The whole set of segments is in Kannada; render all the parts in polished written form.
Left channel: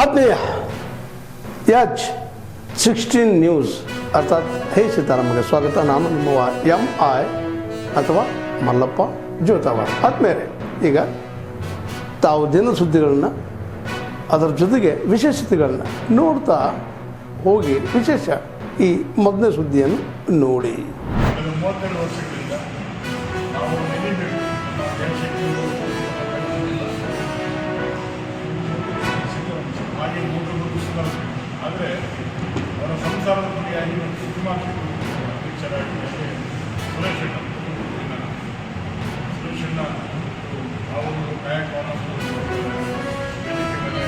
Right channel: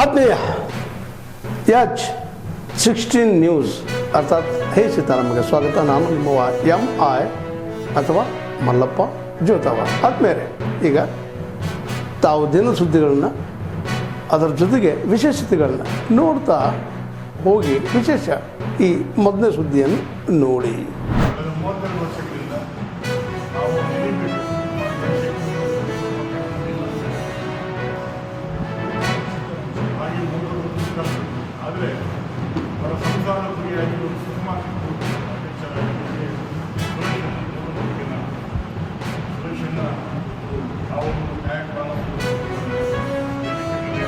ಆತ್ಮೀಯ H16 ನ್ಯೂಸ್ ಅರ್ಥಾತ್ ಹೇ ಸೀತಾರಾಮಗೆ ಸ್ವಾಗತ. ನಾನು ನಿಮ್ಮವ MI ಅಥವಾ ಮಲ್ಲಪ್ಪ ಜೋತಾವ. ಆದ್ಮೇಲೆ ಈಗ ತಾವು ದಿನ ಸುದ್ದಿಗಳನ್ನ ಅದರ ಜೊತೆಗೆ ವಿಶೇಷತೆಗಳನ್ನ ನೋಡ್ತಾ ಹೋಗಿ ವಿಶೇಷ ಈ ಮೊದಲನೇ ಸುದ್ದಿಯನ್ನು ನೋಡಿ. 32 ವರ್ಷಗಳಿಂದ ನಾವು ನೆನೀಬೇಕು ಹಾಗೆ ಮೂರು ಆದರೆ ಅವರ ಸಂಸಾರದ ಬಗೆಯಾಗಿ ಒಂದು ಸುಕುಮಾರ್ ಅಧ್ಯಕ್ಷರಾಗಿ ಸುರೇಶಣ್ಣ ಸುರೇಶಣ್ಣ ಆ ಒಂದು ಗಾಯಕವಾದ ವೇದಿಕೆ ಮೇಲೆ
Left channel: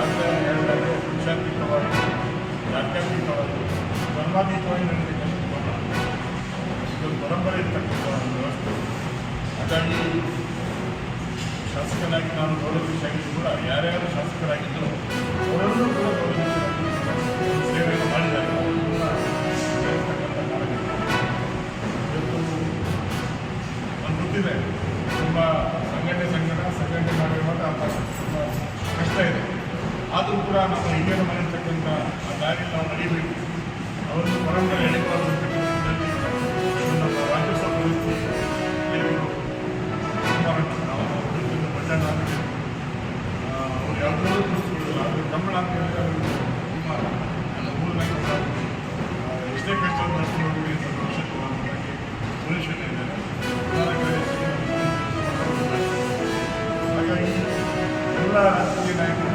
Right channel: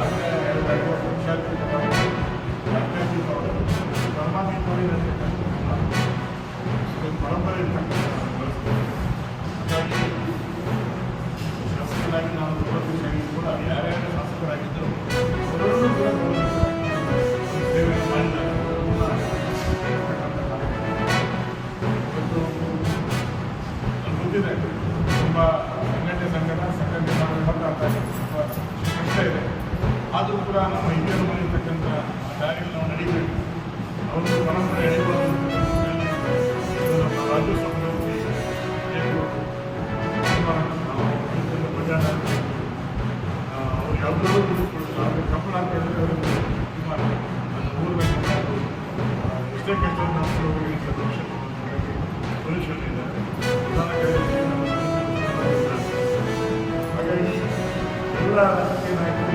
ಆಗಲೇ ಹೇಳಿದಾಗೆ ಪಕ್ಷಾತೀತವಾಗಿ ಜಾತ್ಯತೀತವಾಗಿ ಧರ್ಮಾತೀತವಾಗಿ ನಡೆಯತಕ್ಕಂಥ ಇದೊಂದು ಪರಂಪರೆ ಇರ್ತಕ್ಕಂಥ ಒಂದು ವ್ಯವಸ್ಥೆ. ಹಾಗಾಗಿ ಶಾಸಕನಾಗಿ ನಾನು ಗೌರವಿಸಾಗಿದ್ದು ಕೂಡ ಯಾರ್ಯಾರು ಶಾಸಕರಾಗಿದ್ದರು ಅವರಲ್ಲೂ ಕೂಡ ಸೇವೆಯನ್ನು ಮಾಡಿದ್ದಾರೆ. ಅವರನ್ನ ಸೇರಿಸ್ತಕ್ಕಂಥ ಕಾಲಘಟ್ಟ ಇವತ್ತು ನನಗೆ ಗೊತ್ತಿದೆ. ತುಂಬ ಸಂಘಟನೆ ಮಾಡಬೇಕಾದ್ರೆ ಅಂತ ತುಂಬ ಕಷ್ಟ ಇದೆ. ಆದರೂ ಕೂಡ ನಮ್ಮ ಹಿರಿಯರು ಮಾಡಿರ್ತಕ್ಕಂಥ ಆ ದಾರಿಯಲ್ಲಿ ನಾವು ನಡೀಬೇಕು. ಅವರೊಂದು ಪರಂಪರೆ ಎಳಿಬಾರ್ದು. ನಮ್ಮ ರಾಜ್ಯೋತ್ಸವ ಪ್ರವೃತ್ತಿ ಕುಮಾರಣ್ಣ ನಾವು ರೈತರಿಂದ ಬಜಾರ್ ಅಂತ ಅವ್ರು ಯಾವುದಾದ್ರೂ ತಿಳಿಸ್ಕೊಳ್ಳೋದಿಲ್ಲ. ಆದರೆ ಕಂಬಳ ಅಂತ ಹೇಳಿದ್ರೆ ಅವರು ಕುಮಾರ ನನ್ನ ಊರಿನ ಕಂಬಳ ಎಷ್ಟೇ ಕಷ್ಟವನ್ನು ನಡೆಸ್ಕೊಂಡು ಹೋಗಲಿ ಅಂತ ಭವಿಷ್ಯಕ್ಕೆ ಹಾಗಾಗಿ ಸೊಲ್ಯೂಷನ್ ಇದೆ. ಪ್ರಧಾನ ಕಾರ್ಯದರ್ಶಿ ಹಾಗಾಗಿ ಎಲ್ಲ ರಾಜಕೀಯ ನಾಯಕರು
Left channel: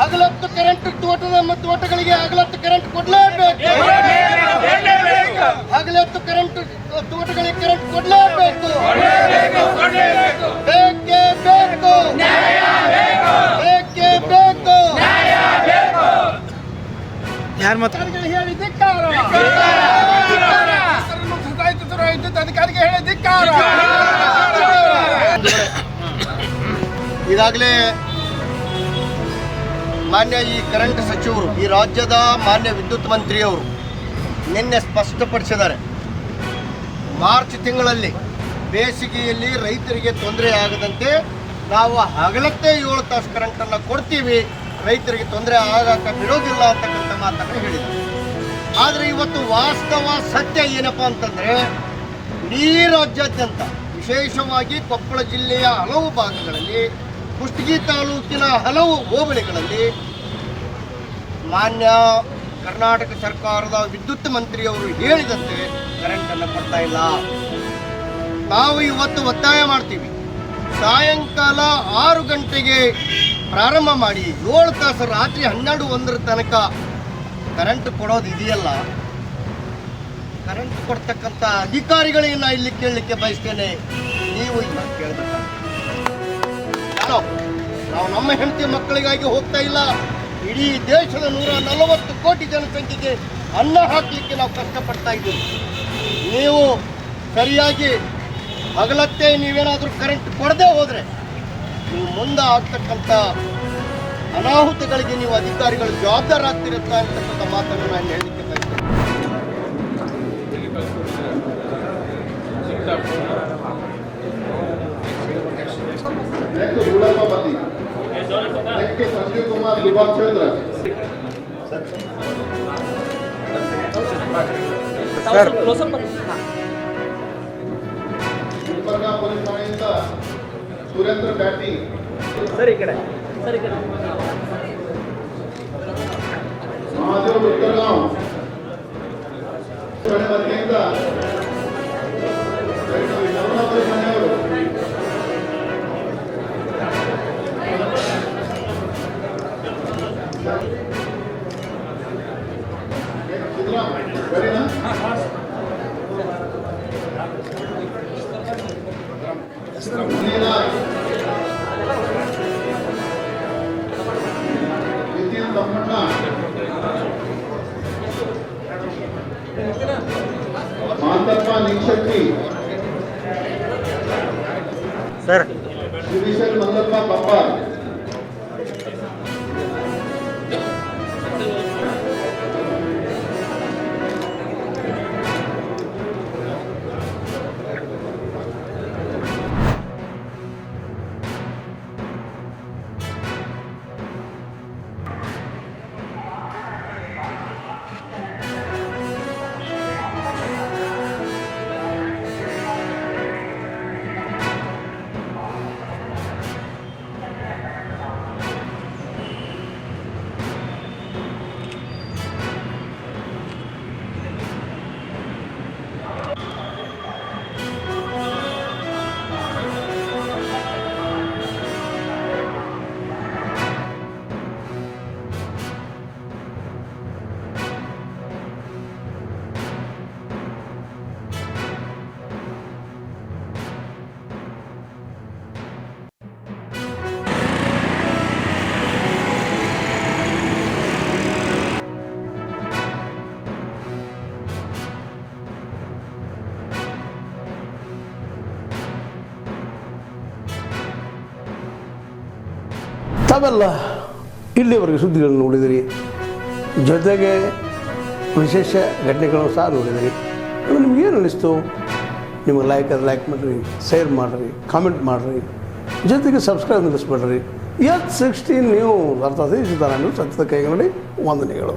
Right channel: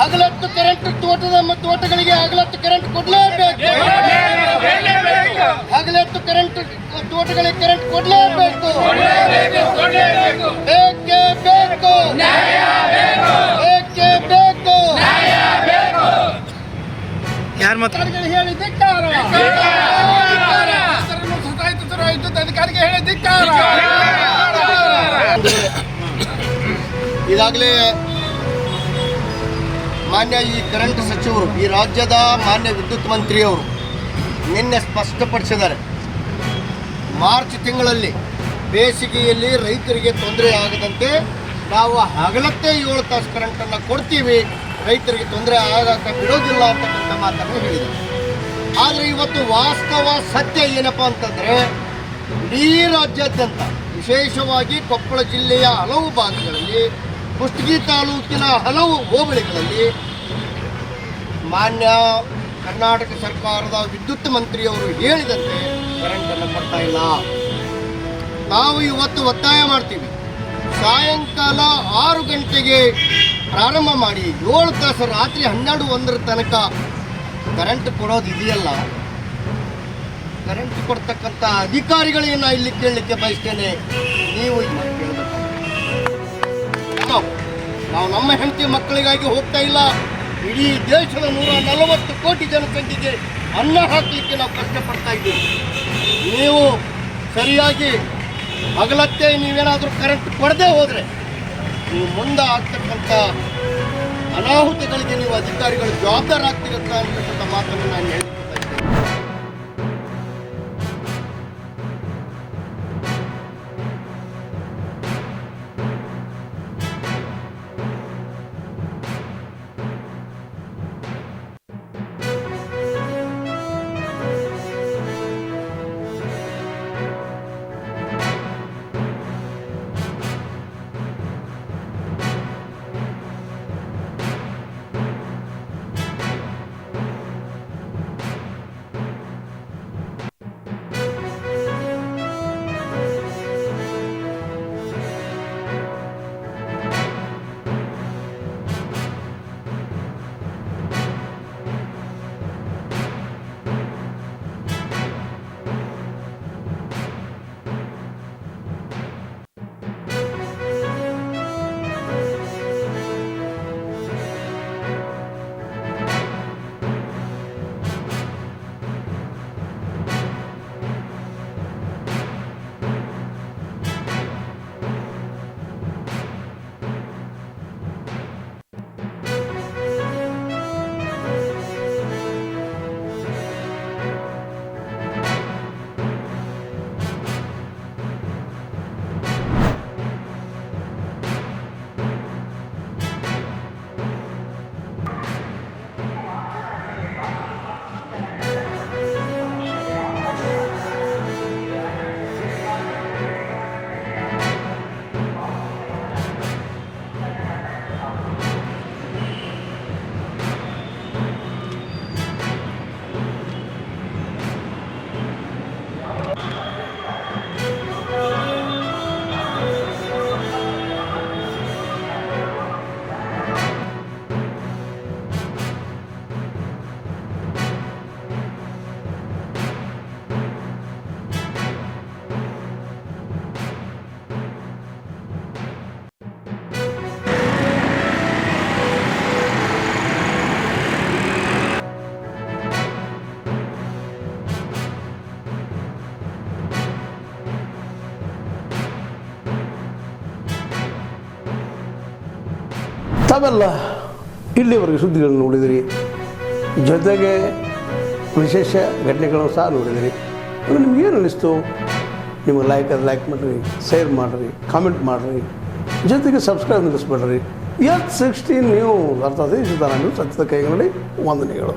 ಹಗಲತ್ತು ಕರೆಂಟ್ ತೋಟಗಳಿಗೆ ಹಗಲತ್ತು ಕರೆಂಟ್ ಕೊಡಲೇಬೇಕು. ಹಗಲತ್ತು ಕರೆಂಟ್ ತೋಟಗಳಿಗೆ ಕರೆಂಟ್ ಕೊಡಲೇಬೇಕು. ಬೇಕೇ ಬೇಕು, ಬೇಕೇ ಬೇಕು. ಯಾರು ಮಾತ್ರ ಹೇಳಿ ಧಿಕ್ಕಾರ, ಅಧಿಕಾರಿಗೆ ಹೇಳಿ ಧಿಕ್ಕಾರ. ಈಗಾಗಲೇ ಮಾನ್ಯ ಈ ಕರೆಂಟ್ ಸಚಿವರು, ಈ ರಾಜ್ಯದ ಮಾನ್ಯ ವಿದ್ಯುತ್ ಮಂತ್ರಿಯವರು ನಿನ್ನೆ ಸ್ಪಷ್ಟಪಡಿಸಿದ್ದಾರೆ, ಮಾರ್ಚ್ ತಿಂಗಳಲ್ಲಿ ಬೇಸಿಗೆಯಲ್ಲಿ ರೈತರಿಗೆ ತೊಂದರೆ ಆಗದಂತೆ ನಾವು ಹಗಲತ್ತೇ 7 ತಾಸು ಕರೆಂಟನ್ನು ಕೊಡ್ತೀವಿ, ರೈತರಿಗೆ ತೊಂದರೆ ಆಗಕ್ಕೆ ಬಿಡೋದಿಲ್ಲ ಅಂತಕ್ಕಂಥ ಮಾತನ್ನು ಹೇಳಿದ್ದಾರೆ. ಆದರೆ ಇವತ್ತು ವಾಸ್ತವ ಸತ್ಯ ಏನಪ್ಪ ಅಂತಂದರೆ, ಇಡೀ ರಾಜ್ಯಾದ್ಯಂತ ವಿಶೇಷವಾಗಿ ಕೊಪ್ಪಳ ಜಿಲ್ಲೆಯ ಹಲವು ಭಾಗಗಳಲ್ಲಿ, ಕುಷ್ಟಗಿ ತಾಲೂಕಿನ ಹಲವು ಹೋಬಳಿಗಳಲ್ಲಿ ಮಾನ್ಯ ಕರ್ನಾಟಕ ಸರ್ಕಾರದ ವಿದ್ಯುತ್ ಮಂತ್ರಿಯವರು ಹೇಳಿದಂತೆ ಕರೆಂಟನ್ನು ಕೊಡ್ತಾ ಇಲ್ಲ. ನಾವು ಇವತ್ತು ಒತ್ತಾಯ ಮಾಡ್ತೀವಿ, ಸಾಯಂಕಾಲ 6 ಗಂಟೆಗೆ ಪ್ರಾರಂಭ ಮಾಡಿ 7 ತಾಸು ರಾತ್ರಿ 12-1 ತನಕ ಕರೆಂಟ್ ಕೊಡೋದು ಇದೆಯಲ್ಲ, ಕರೆಂಟ್ ಕೊಡ್ತಕ್ಕಂಥ ಅಧಿಕಾರಿಗಳಿಗೆ ನಾ ಇಲ್ಲಿ ಕೇಳಲಿಕ್ಕೆ ಬಯಸ್ತೇನೆ, ನೀವು ಕೇಳಬೇಕಾಗುತ್ತೆ. ನಾವು ನಮ್ಮ ಹೆಂಡತಿ ಮಕ್ಕಳಿಗಾಗಿ ಹೋಗ್ತಾ ಇಲ್ಲ, ಇಡೀ ದೇಶದ 140 ಕೋಟಿ ಜನಸಂಖ್ಯೆಗೆ ಅನ್ನ ಹಾಕಲಿಕ್ಕೆ ನಾವು ಕಷ್ಟಪಡ್ತಾ ಇದ್ದೀವಿ. ನೀವು ಸರಿಯಾಗಿ ಹಗಲತ್ತೇ ನೀವೇನಾದರೂ ಕರೆಂಟ್ ಕೊಡದೆ ಹೋದರೆ ನೀವು ಮುಂದೆ ಆಗ್ತಕ್ಕಂಥ ಅನಾಹುತಗಳಿಗೆ ನೀವು ಅಧಿಕಾರಿಗಳು ಜವಾಬ್ದಾರಾಗ್ತಿರುತ್ತಾ ಅಂತಕ್ಕಂಥ ಮಾತನ್ನು ನಾನು ಹೇಳಲಿಕ್ಕೆ ಬಯಸ್ತೇನೆ. ಸಂಜೀವ್ ಕುಮಾರ್ ಲಿಬಾಚಂದ್ರ ಸರ್ ಸುರೇಂದ್ರ ಬ್ಯಾಟಿಂಗ್ ಸರಿ ಕಡೆ ಮಹಾದೇವ್ ಉತ್ತರಗಾಂವ್ ಸರ್ ಮಲ್ಲಪ್ಪ ಪಪ್ಪಾರ್ ತಾವೆಲ್ಲ ಇಲ್ಲಿವರೆಗೆ ಸುದ್ದಿಗಳನ್ನು ನೋಡಿದಿರಿ, ಜೊತೆಗೆ ವಿಶೇಷ ಘಟನೆಗಳನ್ನು ಸಹ ನೋಡಿದಿರಿ. ಅದು ನಿಮ್ಗೇನು ಅನ್ನಿಸ್ತು? ನಿಮಗೆ ಲೈಕ್ ಮಾಡಿರಿ, ಶೇರ್ ಮಾಡಿರಿ, ಕಾಮೆಂಟ್ ಮಾಡಿರಿ, ಜೊತೆಗೆ ಸಬ್ಸ್ಕ್ರೈಬ್ ನಿಲ್ಲಿಸ್ಬೇಡ್ರಿ. H16 ನ್ಯೂಸ್ ಅರ್ಥಾತ್ ಈ ಸಿದ್ದರಾಮಯ್ಯ ಸತ್ಯದ ಕೈಗಳಲ್ಲಿ ವಂದನೆಗಳು.